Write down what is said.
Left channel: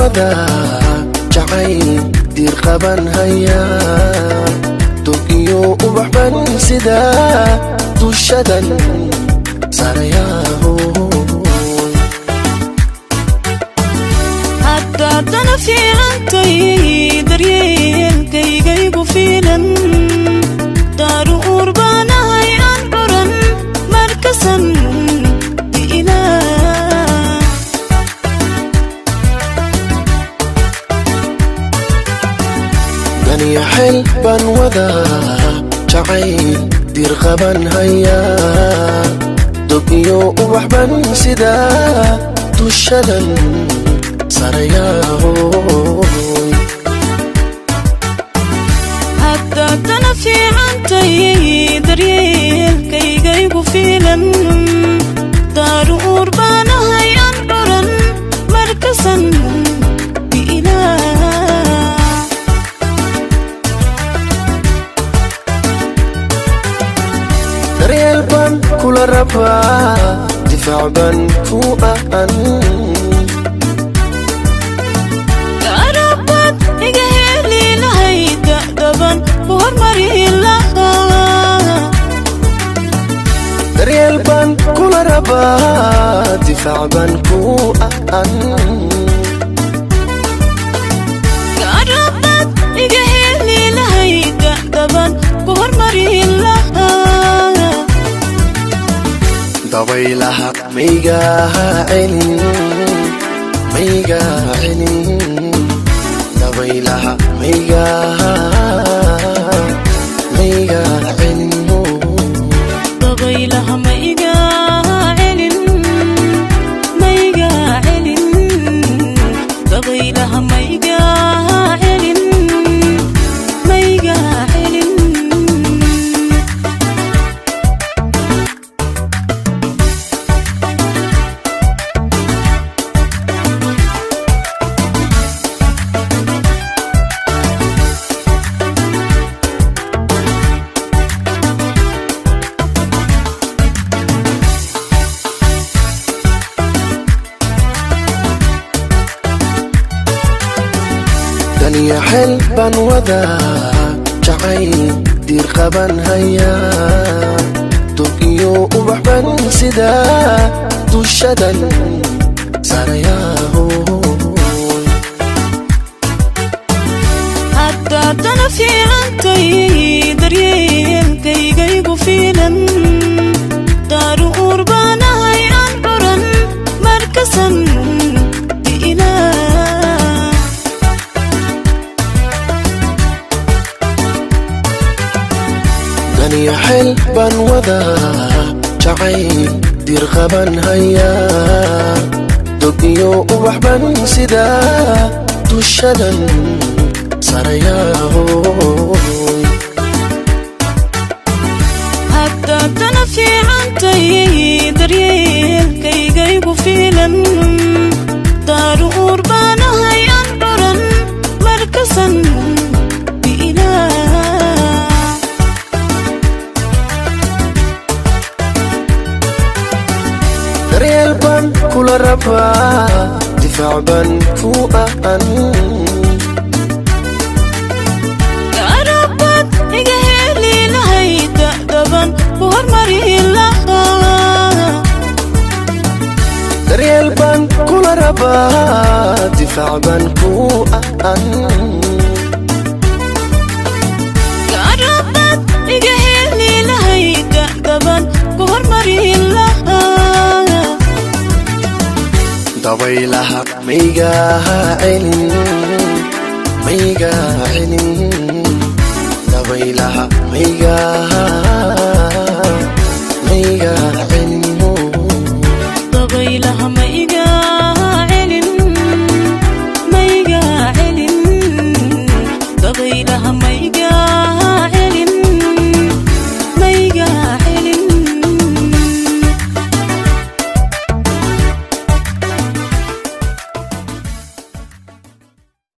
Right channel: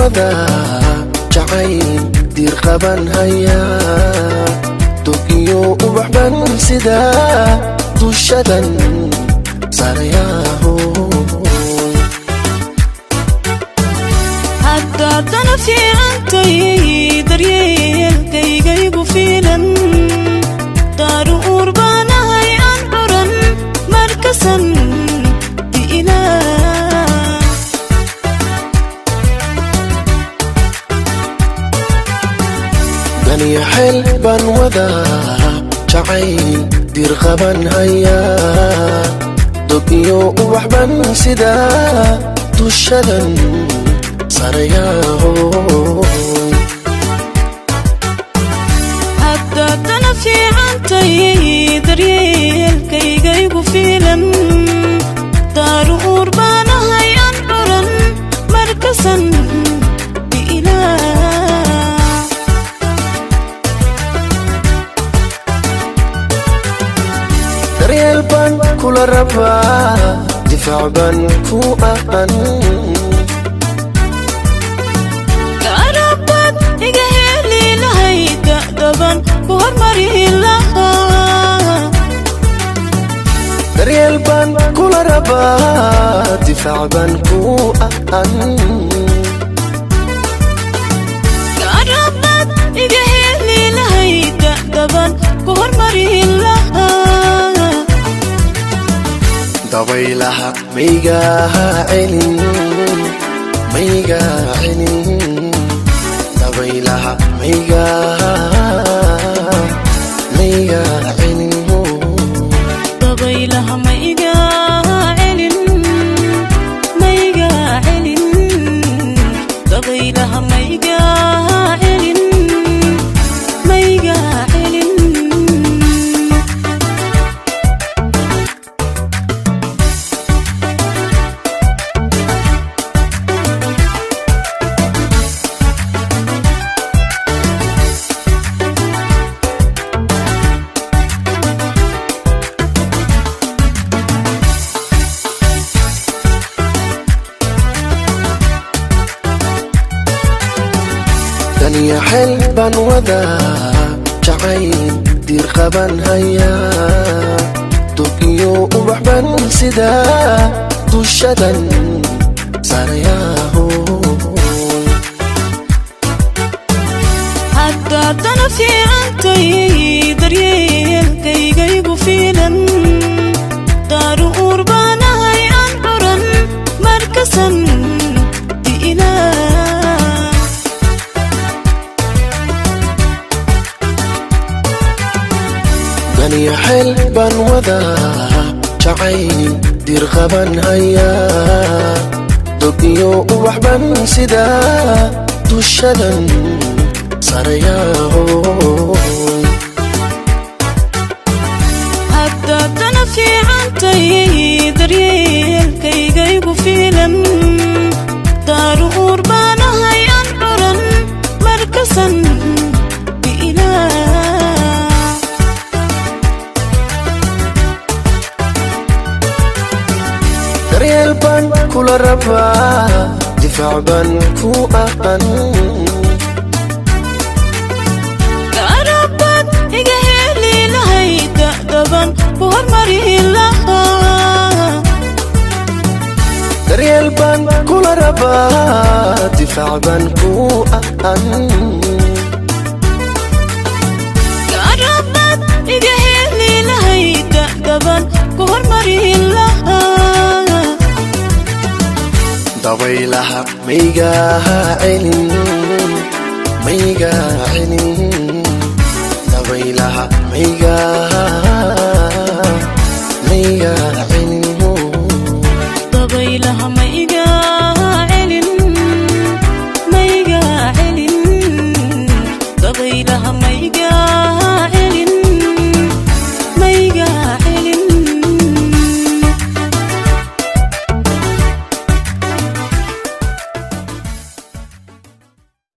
wada jacayl dir qaban haya tukiyo ubaxban sida dushadan sarayaaro hadda tanasi antay daryeelkayga igu filan daru urbanahay aan buran markasan ban wada jacayl dir qaban haya tukiyo ubaxban sida dushadan sarayaaro hadda tanasi antay daryeelkayga igu filan daru urbanahay aan buran markasan difaacan ku aqan arabad iga heli lahayd da'daban hormari lahaa daryeel baan kuma rabaa difaacan ku aqan arabad iga heli lahayd da'daban hormari lahaa dabeylaha meyga celin dabeylaha meyga celin dabeylaha meyga celin dabeylaha meyga celin ban wada jacayl dir qaban haya tukiyo ubaxban sida dushadan sarayaaro hadda tanasi antay daryeelkayga igu filan daru urbanahay aan buran markasan ban wada jacayl dir qaban haya tukiyo ubaxban sida dushadan sarayaaro hadda tanasi antay daryeelkayga igu filan daru urbanahay aan buran markasan kula rabaa difaacan ku aqan arabad iga heli lahayd da'daban hormari lahaa daryeel baan kuma rabaa difaacan ku aqan arabad iga heli lahayd da'daban hormari lahaa dabeylaha meyga celin